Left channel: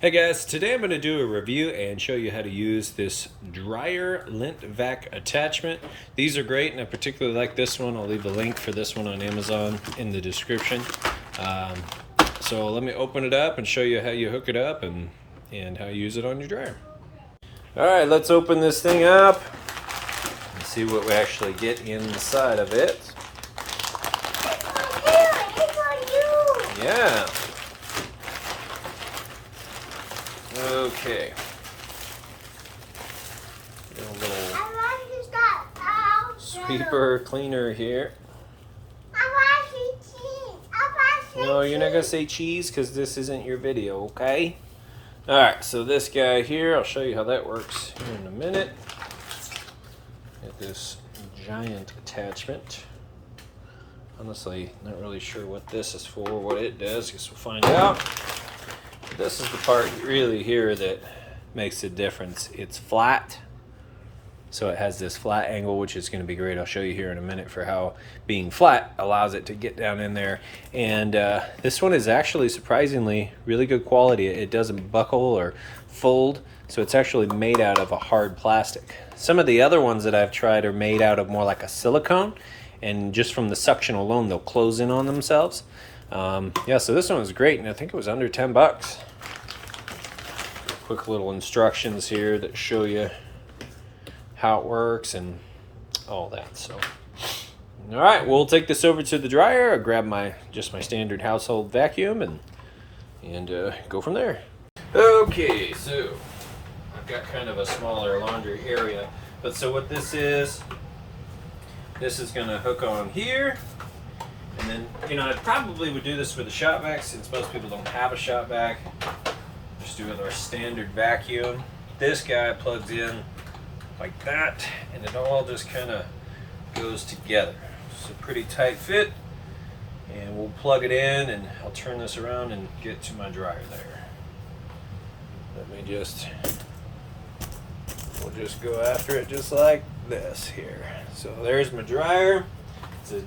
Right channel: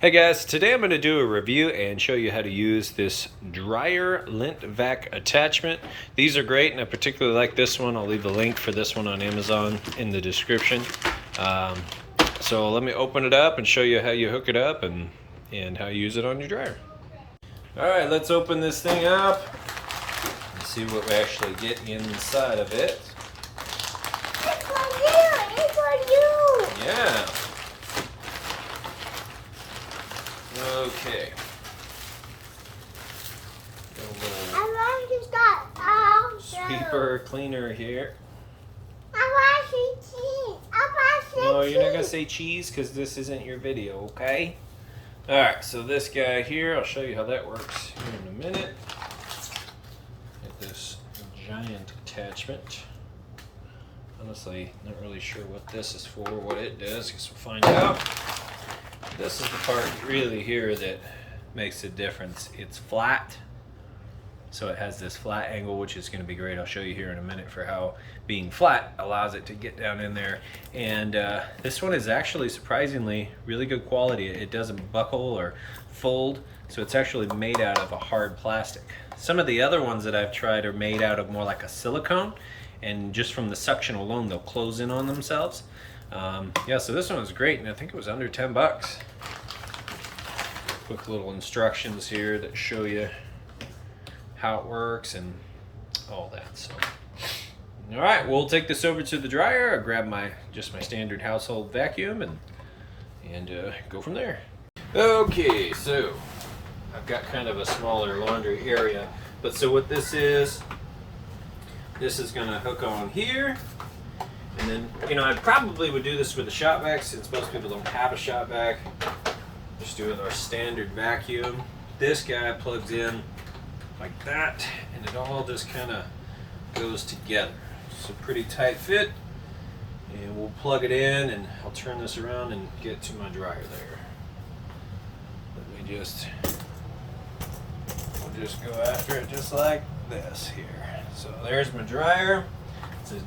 Hey guys, today I'm going to do a review and show you how to use this dryer lint vac attachment. These are great and I particularly like this one. I'll leave a link for this one on Amazon in the description. So let me open it up and show you how you hook it up and how you use it on your dryer. Alright, let's open this thing up and see what we actually get inside of it. It's for you! It's for you! Yeah. Okay. A little sweeper cleaner here. No, you're not gonna say cheese because this isn't your video, okay? Alright, so this guy here, I'll show you how that works here in a minute. Get this giant attachment. Honestly, not really sure what this is for, what it does, guess we'll find out. This is the part really here that makes a difference. It's flat, so it has this flat angle, which is going to be great. I'll show you here in a minute for how being flat allows it to get down in there. And this one is actually surprisingly really good quality. It doesn't buckle or fold, so it's actually made out of a hard plastic. Some of the other ones that I've tried are made out of more like a silicone, and just from the suction alone they'll close in on themselves. Yeah, so this one was great, and I think it was under 10 bucks. Quick little instructions here that show you how it works and all that. So, all right, we'll take this over to the dryer. I grab my standard household vacuum and go from there. Okay, so I've got kind of a smaller laundry area, but so what this is gonna hook on here. And then, you know, I probably would do this with a shop vac since most people don't have a shop vac. Just do it with our standard vacuum. This guy plugs in like that, and it all just kind of goes together. It's a pretty tight fit, and we'll plug it in, and I'll turn this around and get to my dryer there. We'll just go after it just like this here. So there's my dryer. It's a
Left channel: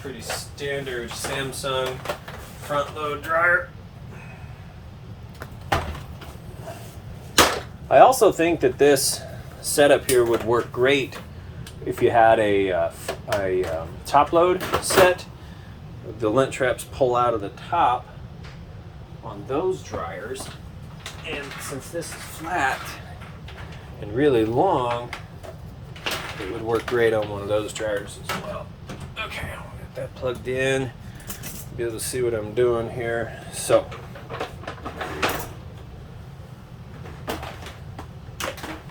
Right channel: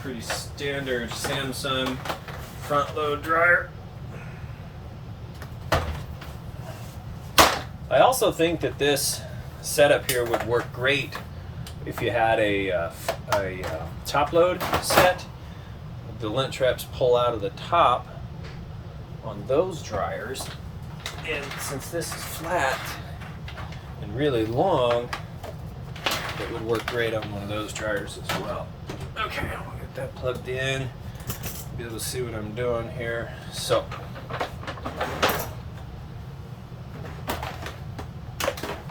pretty standard Samsung front load dryer. I also think that this setup here would work great if you had a top load set. The lint traps pull out of the top on those dryers, and since this is flat and really long, it would work great on one of those dryers as well. Okay, I'll get that plugged in, be able to see what I'm doing here. So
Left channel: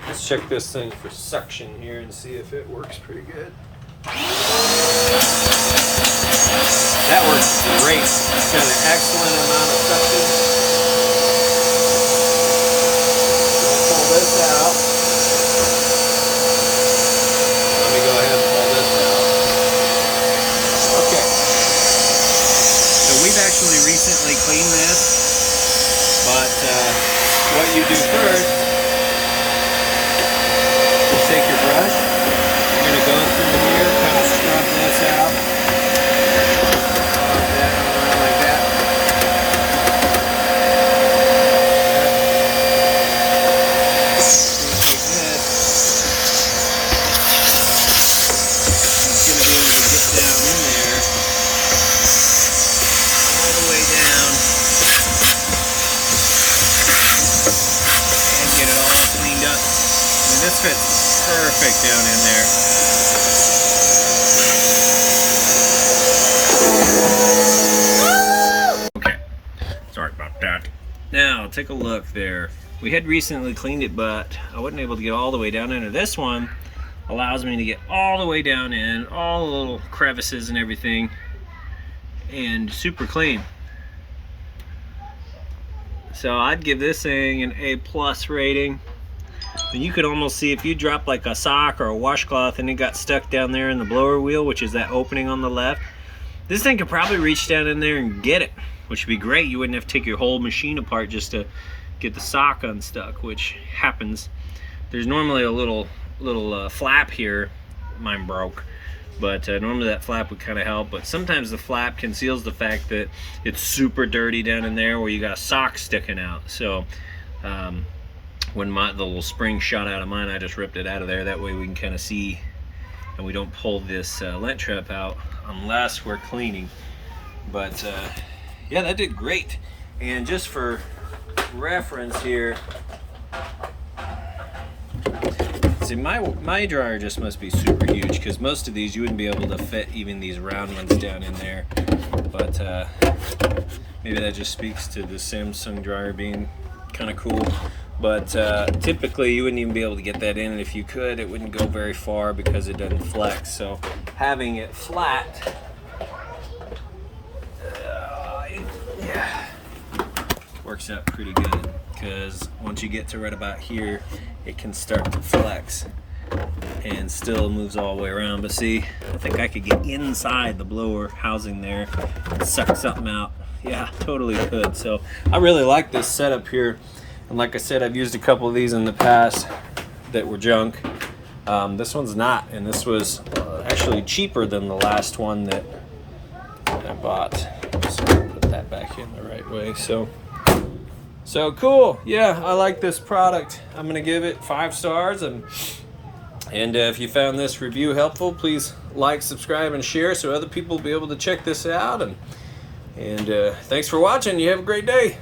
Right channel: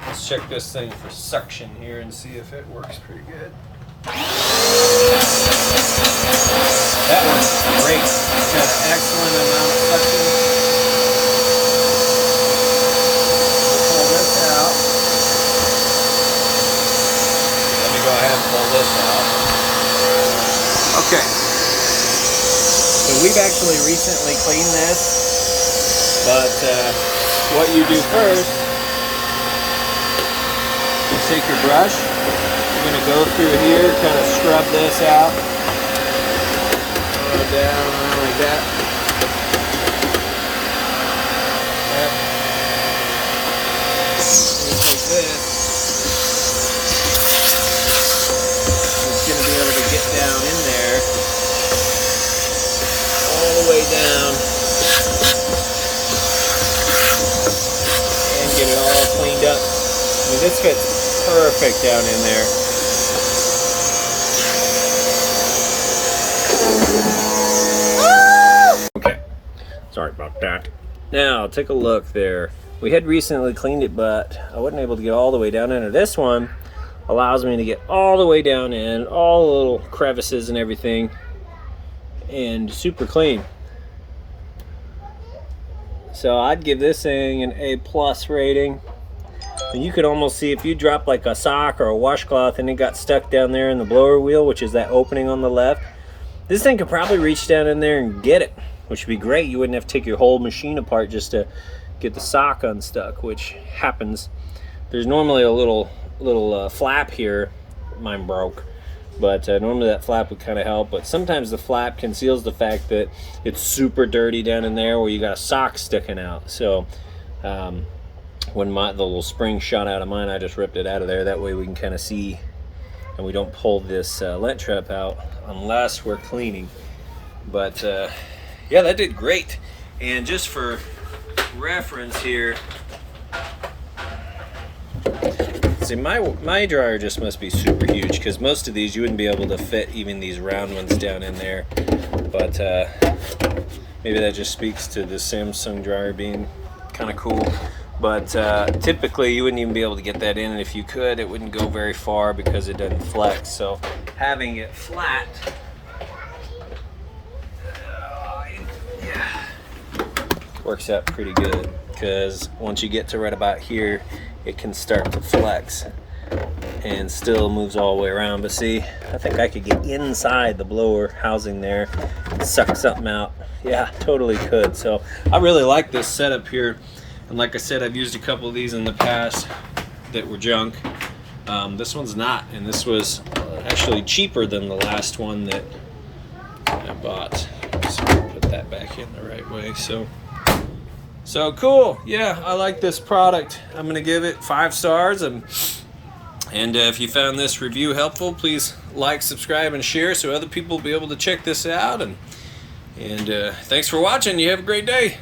let's check this thing for suction here and see if it works pretty good. That works great. It's got an excellent amount of suction. Pull this out. Let me go ahead and pull this out. Okay. So we've actually recently cleaned this, but what you do first, you take your brush, you're going to go through here, kind of scrub this out, down, around like that. You take this, it's going to be able to get down in there, all the way down, and get it all cleaned up. I mean, this fits perfect down in there. Okay, sorry about that. Now, take a look there. We had recently cleaned it, but I wasn't able to get all the way down into this one. Allows me to get all the way down in, all the little crevices and everything, and super clean. So I'd give this thing an A+ rating. And you could almost see if you drop like a sock or a washcloth and it got stuck down there in the blower wheel, which is that opening on the left, this thing could probably reach down in there and get it, which would be great. You wouldn't have to take your whole machine apart just to get the sock unstuck, which happens. There's normally a little flap here. Mine broke. But normally that flap would kind of help, but sometimes the flap conceals the fact that it's super dirty down in there where you got a sock sticking out. So when the little spring shot out of mine, I just ripped it out of there. That way we can kind of see, and we don't pull this lint trap out unless we're cleaning. But yeah, that did great. And just for reference here, see, my dryer just must be super huge, because most of these you wouldn't be able to fit even these round ones down in there. But maybe that just speaks to the Samsung dryer being kind of cool. But typically you wouldn't even be able to get that in, and if you could, it wouldn't go very far because it doesn't flex. So having it flat, yeah, works out pretty good, because once you get to right about here, it can start to flex and still moves all the way around. But see, I think I could get inside the blower housing there, suck something out. Yeah, totally could. So I really like this setup here. And like I said, I've used a couple of these in the past that were junk. This one's not, and this was actually cheaper than the last one that I bought. Let's put that back in the right way. So cool. Yeah, I like this product. I'm gonna give it 5 stars. And if you found this review helpful, please like, subscribe, and share so other people will be able to check this out. And thanks for watching. You have a great day.